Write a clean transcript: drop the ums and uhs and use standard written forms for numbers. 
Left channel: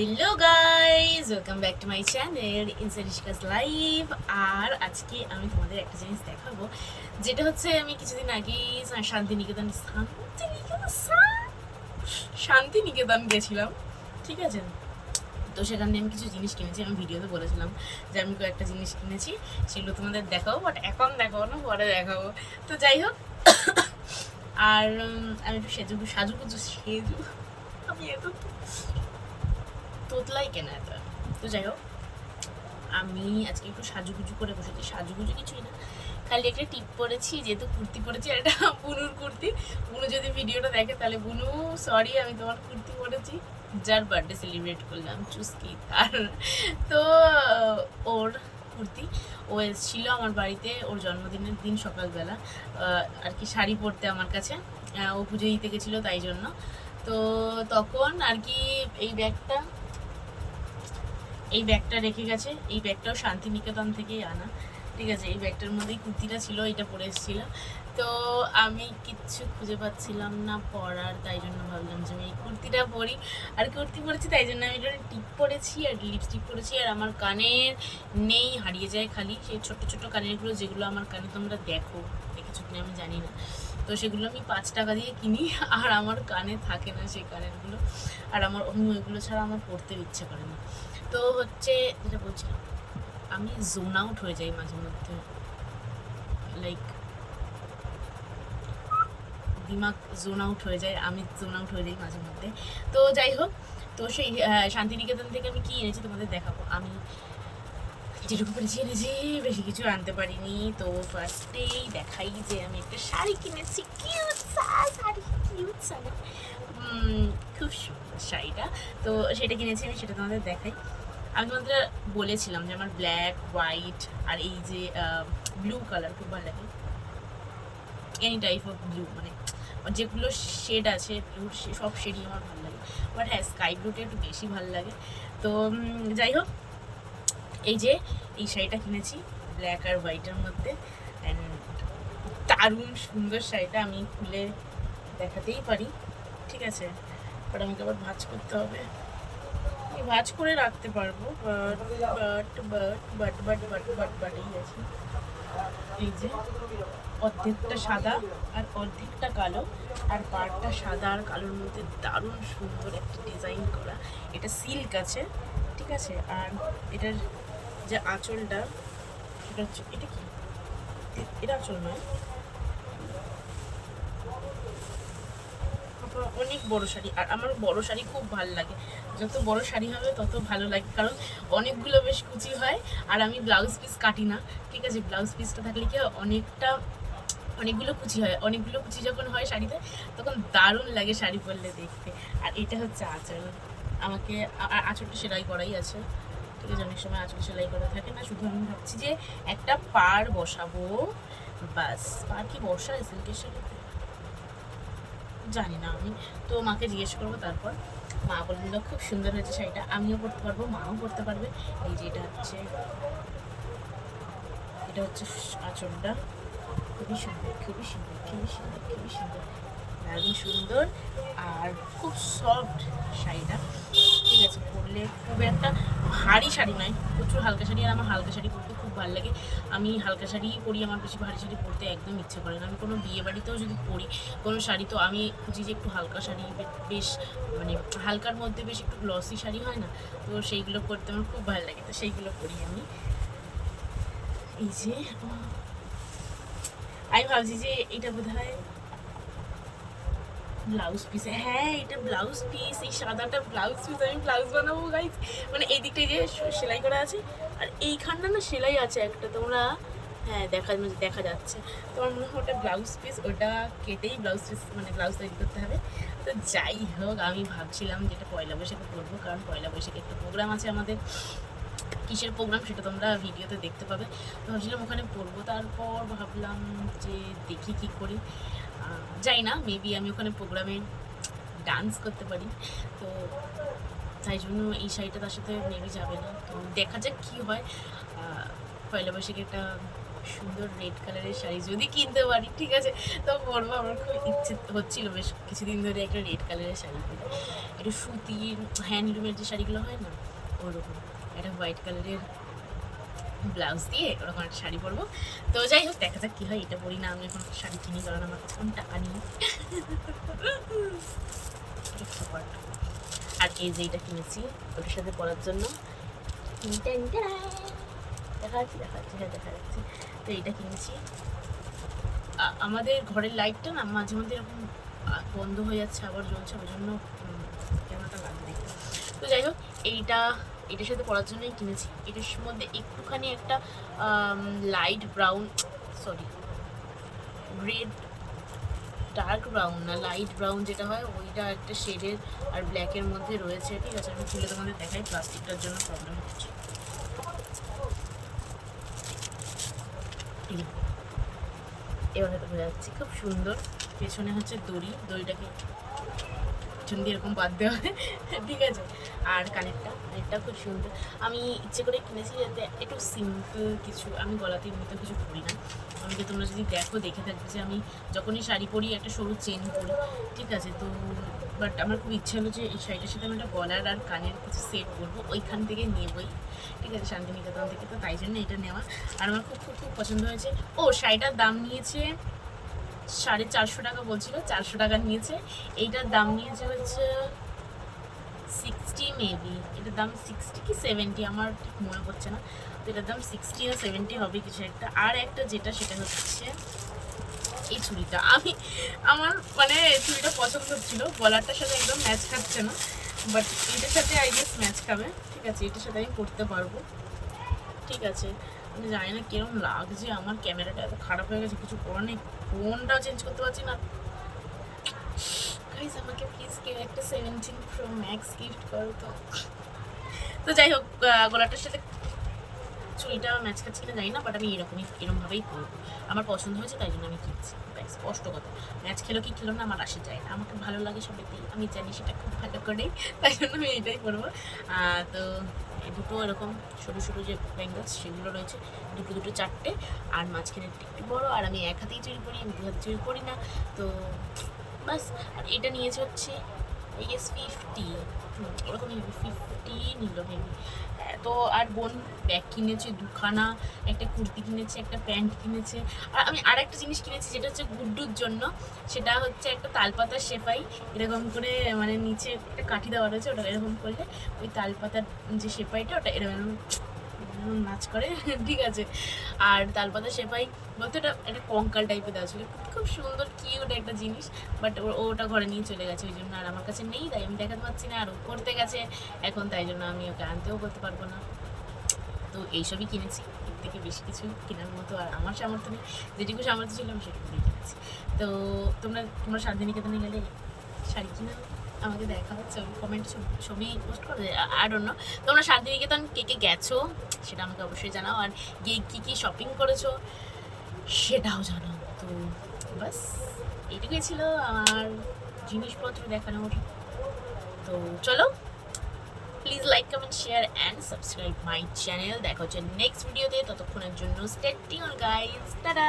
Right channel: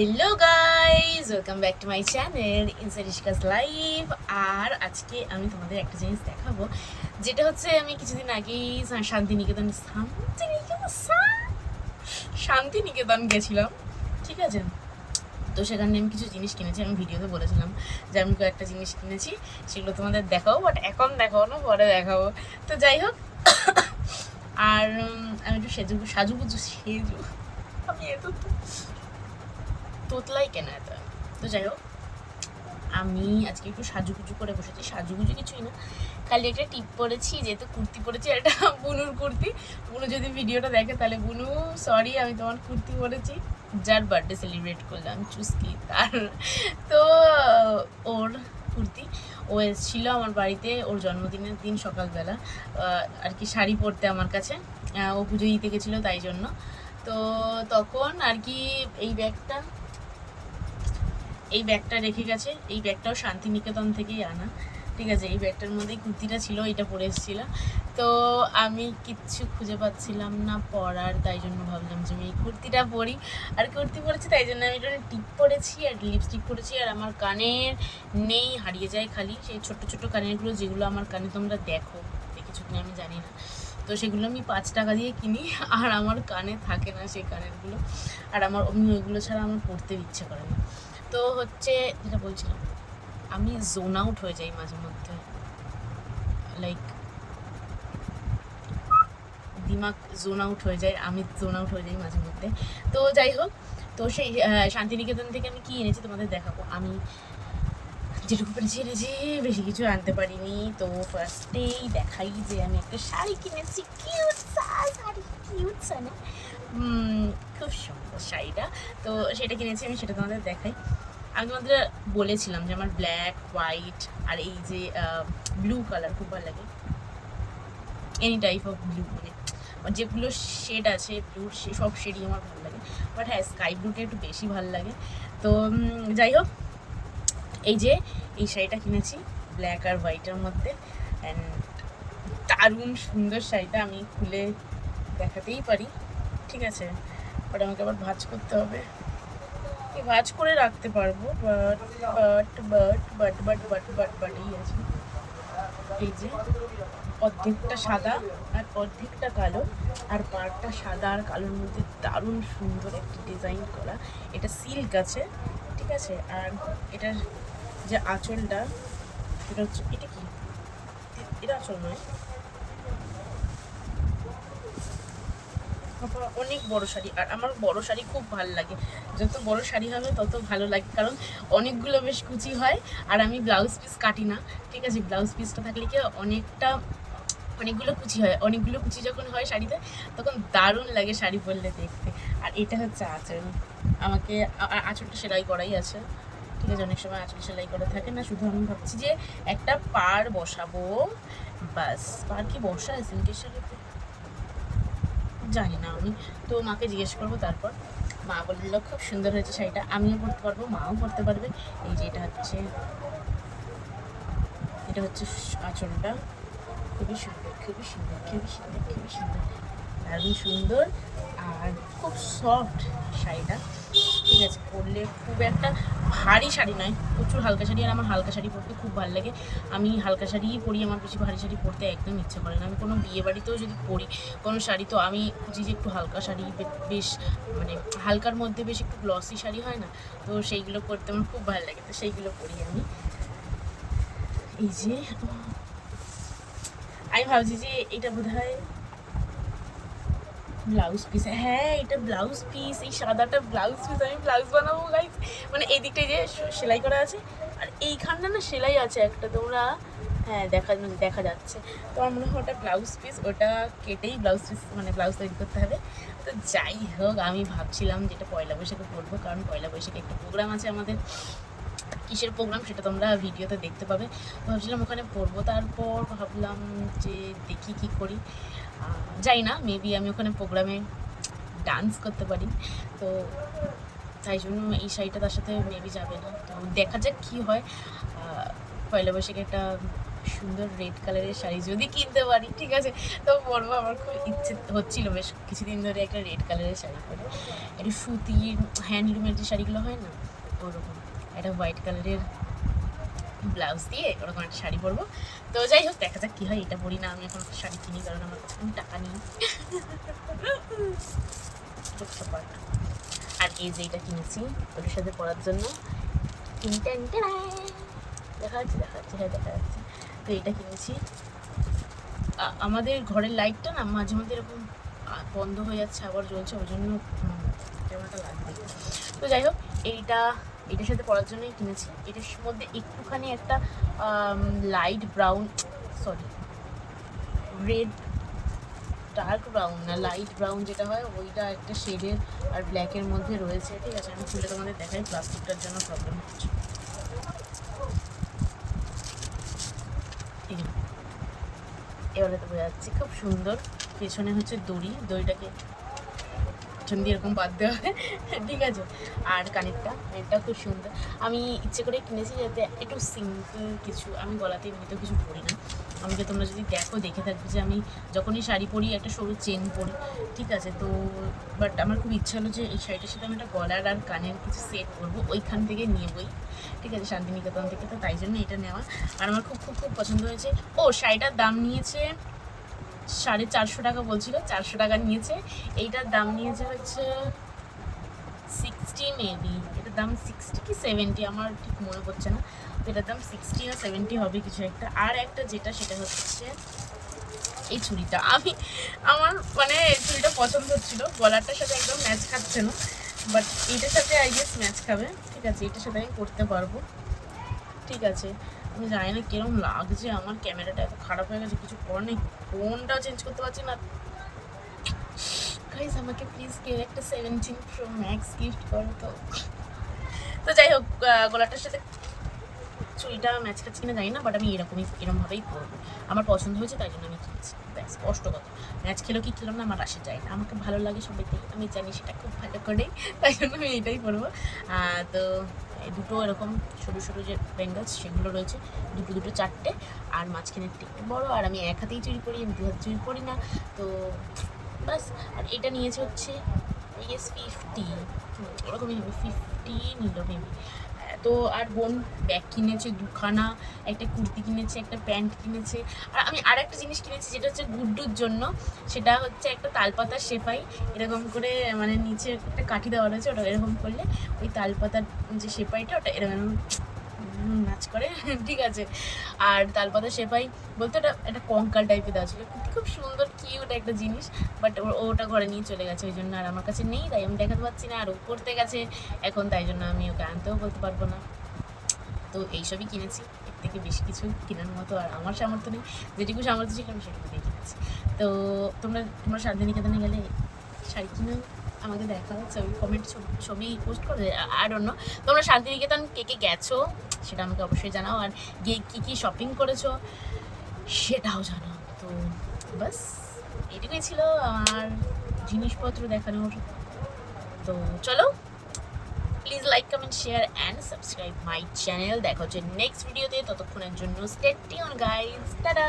Hello guys, welcome back to my channel ইনসারিশকাস live. আর আজকে আমি তোমাদের একটা জিনিস দেখাবো, যেটা হচ্ছে আমি কিছুদিন আগেই শান্তিনিকেতন গেছিলাম, ঠিক আছে। তো সেখানে আমি কিছু জিনিস কিনেছি, আমি ভিডিওতে বলেছিলাম যে আমি কয়েকটা জিনিস কিনেছি, সেগুলো তোমাদের দেখাবো, বাট এখন দেখাবো না, পরে দেখাবো। তো যাই হোক, আর আমি একটু সেজু আমি এত তোতলাই কেন এত। তো যাই হোক, আমি আজকে একটু সাজুগুজু করে বসেছি, সাজুগুজু কিছুই না, খালি একটা টিপ পরেছি, যেহেতু কুর্তি পরেছি, একটা বুনুর কুর্তি। বুনু যদি ভিডিওটা দেখে তাহলে বুনু সরি, আমি তোমার কুর্তি পরেছি, যার বার্থডে সেলিব্রেট করলাম চুস্কি তার। তো ওর কুর্তি, ও এসেছিল আমার বাড়িতে ওর জন্মদিনের দিন সকালবেলা, আর কি শাড়ি পরতে আমার কাছে, ও পুজো দিতে গেছিলো তাই জন্য। তো তখন আর কি এই ব্যাগটা রেখে গেছে, এই ব্যাগটাও শান্তিনিকেতন থেকেই আনা, ঠিক আছে। এই ব্যাগটার মধ্যেই কুর্তিটা ছিল, এটা পরে এসেছিলাম। তো আমি কিচ্ছু খুঁজে পাচ্ছিলাম না পরার, তাই জন্য ভাবলাম যে আমি এই কুর্তিটা পরি। আর কুর্তি পরেছি তাই জন্য আমি এটা টিপ পরেছি আর লিপস্টিক পরেছি। আর আমার কানের নেই, হারিয়ে যায় খালি সেই ছোট্ট ছোট্ট কানেরগুলো, যেগুলো আমার কানে তোমরা দেখেছো কিনা আমি জানি না। তো সেগুলো আমি 5 টাকা দিয়ে কিনি, আর আমার কানে থাকে না সেই কানেরগুলো। আর আমি ওইগুলো ছাড়া আমার পরতে ইচ্ছে করে না। তো হচ্ছে যেটা বলছিলাম, আমি জোন আউট হয়ে যাই মাঝে মধ্যে, লাইক দিমাগ জোন আউট হয়ে যায়, আমি জোন আউট হয়ে যাই মাঝে মধ্যে। তো যাই হোক, তো সেই শান্তিনিকেতন থেকে আমি কি এনেছি তোমাদের দেখাবো। আমি যেটুকু পেরেছি এনেছি, বেশি কিছু আনতে পারিনি। তো ফার্স্টেই দেখাই যে আমি একটা শাড়ি কিনেছি, কিউট শাড়ি, কিউট না, খুব সুন্দর শাড়িটা। তো সেটা কিনেছি আমি, সেটা তোমাদের দেখাই। আমি তোমাদের বলেছিলাম যে আমার ব্ল্যাক, হোয়াইট আর এই যে ব্লু কালার খুব ভালো লাগে, এনি টাইপ অফ ব্লু, মানে যেগুলো শেড আছে ব্লুর, সব শেডই আমার ভালো লাগে। বাট হ্যাঁ, স্কাই ব্লুটা একটু বেশি ভালো লাগে। তো যাই হোক, এই শাড়িটা কিনেছি ব্ল্যাক আর হোয়াইটের মধ্যে, অ্যান্ড দারুণ সুন্দর শাড়িটা, আমি খুলে দেখাতেই পারি, ঠিক আছে। বাট আমাকে আবার ভাঁজ করতে হবে, ভাঁজ করে রাখতে পারবো, বাট এই আছে, এই যে অর্ধেকটা সাদা আর অর্ধেকটা কালো, আর পাড়টা সাদা আর কালোর মধ্যে দারুণ সুন্দর একটা ডিজাইন করা। এটা সিল্ক আছে, ঠিক আছে। আর এটার যে আঁচলটা, সেটা হচ্ছে, এটা কি, এটা আঁচল নয়, অনেক বড় শাড়ি। আর আমার বড় শাড়ি খুব ভালো লাগে, যত বড় শাড়ি হবে তত ভালো লাগে, কারণ অনেকগুলো বেশ কুচি হয়। আর আমি ব্লাউজ পিস কাটি না, ঠিক আছে। ব্লাউজ পিসটা থাকলে কি অনেকগুলো কুচি হয়, অনেকগুলো কুচি যখন হয় শাড়িতে, তখন দারুণ লাগে শাড়ি পরলে দেখতে। আর এটা হচ্ছে আঁচল, আমাকে আঁচলটা সেলাই করাই আছে, ঠিক আছে। অনেক সময় আঁচল সেলাই করা থাকে না, শুধু আমি ভাবছি যে একটা পাড় বসাবো, বাস। পাড় কি বসায় সিল্কের শাড়িতে, জানি না আমি, তো মাকে জিজ্ঞেস করবো তারপর। মা বলল খুব সুন্দর হয়েছে শাড়িটা, আমিও পরতে পারবো, মাও পরতে পারবে। এই যে এটা হচ্ছে আঁচলটা, খুবই সুন্দর, খুবই সুন্দর, খুবই সুন্দর, খুবই সুন্দর, দারুণ সুন্দর। আর খুব সফট শাড়িটা, ঠিক আছে। পরলে খুব একটা ভারী শাড়ি নয়, প্রচুর হালকা শাড়ি। আর আমার হালকা শাড়ি পরতে খুব ভালো লাগে, আমি হালকা শাড়িই পরি, আমার বেশি ভারী শাড়ি পরতে একদম ইচ্ছে করে না। আমি কোনো বিয়ে বাড়িতেও যদি পরি কোনো শাড়ি, তো আমি খুঁজি যে একটু হালকা শাড়ি, বেশ মানে হালকার মধ্যে বেশ একটু গ্লসি শাড়ি হয় না, তো সেইগুলো পরতে আমার খুব ভালো লাগে, তো সেইগুলো পরি আমি। এই যে আমি ভাবছি যে এটা বোধহয় ব্লাউজ পিস, হ্যাঁ এটা ব্লাউজ পিস, এই সাদাটা ব্লাউজ পিস। আমি ব্লাউজ বানাবো গাইস, মানে এই দিকটায় যে সেলাই করা আছে, আর এইখানটা না সেলাই আছে একটা, তোমরা হ্যাঁ দেখা যাচ্ছে। তোমার মনে হয় ওটা ব্লাউজ পিস, ওটা কেটেই ব্লাউজ পিস, মানে ব্লাউজ তৈরি করতে হবে। তো যাই হোক, আমি ভাবছিলাম যেটা পয়লা বৈশাখে পরবো, কারণ পয়লা বৈশাখে একটা প্রোগ্রাম আছে আমাদের। কিসের প্রোগ্রাম সেটা তোমরা ভিডিওতে দেখতে পাবে। তো ভাবছিলাম ওখানে পড়বো, তারপর ভাবলাম যে দেখি কি করি, যাই না, মেবি আমি ওখানে প্রোগ্রামে ডান্স করতে পারি, তো তাই জন্য এই শাড়িটা তার সাথে মেবি যাবে না। তো দেখা যাক কী হয়। পয়লা বৈশাখে একটা সুন্দর রেড কালারের শাড়ি যদি কিনতে পারি, ঠিক আছে, তো পরবো। আমার খুব ইচ্ছে হচ্ছিল বেশ কিছুদিন ধরে একটা রেড কালারের শাড়ি পরে, একটু সুতির হ্যান্ডলুমের যে শাড়িগুলো হয় না ওরকম, একটা হোয়াইট কালারের ব্লাউজ দিয়ে ওরকম একটা শাড়ি পরবো। তো যাই হোক, দেখা যাক কী হয়। এটা পরি না, আমি এখন শাড়ি কিনি, কারণ আমার কাছে কোনো টাকা নেই। আর এই যে এটা কিনেছি ওটার সাথে পরার জন্য, দেখা যাচ্ছে হ্যাঁ দেখা যাচ্ছে। তো এটা কিনেছি। আমাদের ঘরের লাইটটা না মাঝে মধ্যে এরকম বন্ধ হয়ে যাচ্ছে, আবার জ্বলছে, ওই জন্য ক্যামেরাটা লাগবে। তো যাই হোক, এটার সাথে পরার জন্যই কিনেছি। এটার মধ্যে একটুখানি একটা light brown, sorry red, dark brown না লাইট ব্রাউন যেটা হয় ওইটা একটা শেডের আর ব্ল্যাকের মধ্যে রয়েছে, ঠিক আছে। আমি খুলে তোমাদের দেখাই, প্লাস্টিকটার জন্য প্রবলেম হচ্ছে। এবারে তো বোঝা যাচ্ছে, খুব সুন্দর। পেছনে হচ্ছে দড়িটাকে পেছন দিয়ে এরকম বাদ দেওয়া হয়, ঠিক আছে। আর কানেরটা খুব সুন্দর। আমি ইচ্ছে করে কিনেছি যাতে একটু সিম্পল কিছু, আমি গলাতে এমনিতে কিছু পরি না। আমাকে তোমরা যদি দেখে থাকবে যে আমি যখনই শাড়ি পরি একটা সরু চেন পরি, ঠিক আছে। তো বাট আমার খুব ইচ্ছা হলো যে এই শাড়িটার সাথে আমি একটা গলার আর কানের কিছু সেট করবো, ওইখান থেকে নেবই, ঠিক আছে, শান্তিনিকেতন থেকে। তো তাই জন্য এটা নেওয়া, আর আমার খুব খুব খুব পছন্দ হয়েছে। ও শাড়িটার দাম নিয়েছে 450 টাকা, বলছিল 400 টাকা নিয়েছে। এইটার দাম নিয়েছে হচ্ছে 60 মেবি, এটার দাম 60 কি 70 আমার ঠিক মনে পড়ছে না। তো এটার দাম 60 না 70 হবে কিছু একটা। আর একটা যেটা, সেটা হচ্ছে এই চুড়িটা। আমার মানে চুড়িটা পছন্দ হচ্ছিল, গলারটার সাথে একদম ম্যাচ খাচ্ছে না, বাট এটার সাথে আই গেস ম্যাচ খাবে, ঠিক আছে। এটার সাথে আমি পরতে পারবো, ঠিক আছে। আমি জানি না কিরম লাগছে, আমার ক্যামেরাটা এত খারাপ হয়ে গেছে, কিছু করার নেই, ফোনটাও চেঞ্জ করতে পারছি না। গাইস আমাকে প্লিজ কেউ একটা 17 Pro Max গিফট করো তো। তো যাই হোক, গলাটার সাথে চুড়িটা ম্যাচ খাচ্ছে কিনা জানি না, বাট আমি এরমভাবেই পরবো। আমার পছন্দ হয়েছে তাই জন্য আমি কিনছি, ব্যাস, স্পষ্ট কথা। ম্যাচ খেলো কি খেলো না আমার আসে যায় না, আমাকে ভালো লাগে সবেতেই, আমি জানি সেটা খুব ভালো করে, তাই জন্য আমি এইটাই পরবো। তো দুটো এরকম সরু সরু যে ব্যাঙ্গলস সেগুলো রয়েছে, দুটো 4টে, আর মাঝখানেরটা একটু বড়ো। আর আমি এক হাতেই চুরি করি, আমি 2 হাতে চুরি করি না, তো বাস। আর এটা নিয়েছে হচ্ছে ইয়েস 50, ওরকমই হবে, 50 নিল মেবি। তো আর বোন ব্যাগ কিনেছে 2খানা, একটা কুর্তি কিনেছে, একটা প্যান্ট কিনেছে। আর আমি আর একটা জিনিস কিনেছি যেটা হচ্ছে গুড্ডুর জন্য, সেটা হচ্ছে একটা তালপাতার সেপাই, এরকম করে মানে নিচে একটা কাঠি দেওয়া রয়েছে, ওটা এরকম করলে ওই তালপাতার যে সেপাইটা ওটা এরকম নাচ করে, ঠিক আছে। আর তালপাতা সেপাই বলতে ওটা একটা কঙ্কাল টাইপের দেওয়া ছিল, খুব সুন্দর কিউট একটা জিনিস, বাট ওটা ঘরে নিয়ে চলে গেছে, ওই জন্য আর আমার কাছে নেই, তাই আমি দেখাতে পারছি না। আর ও করতে গেছে এখন, তাই জন্য আমি ওকে আনতেও বলতে পারবো না। তো এইসবই কিনেছি, এর থেকে বেশি কিছু কেনার মতো আর আমার সামর্থ্য নেই, যেটুকু সামর্থ্য ছিল আমি সেটুকু দিয়ে কিনেছি। তো তোমরা শান্তিনিকেতনে গেলে শাড়ি কিনো, আমাকে দেখাও, ছবি পোস্ট করে, আই ডোন্ট নো। তোমরা শান্তিনিকেতন কে গেছো সেটা আমাকে অবশ্যই জানাও, আর গিয়ে কী শপিং করেছো সেটাও জানাও। তো বাস এটুকুই ছিল আমার জিনিসপত্র দেখানোর। তো চলো, please like, comment, share and subscribe my channel. দেখা হচ্ছে নেক্সট ভিডিওতে, ততক্ষণের জন্য স্টে টিউন গাইস, টাটা।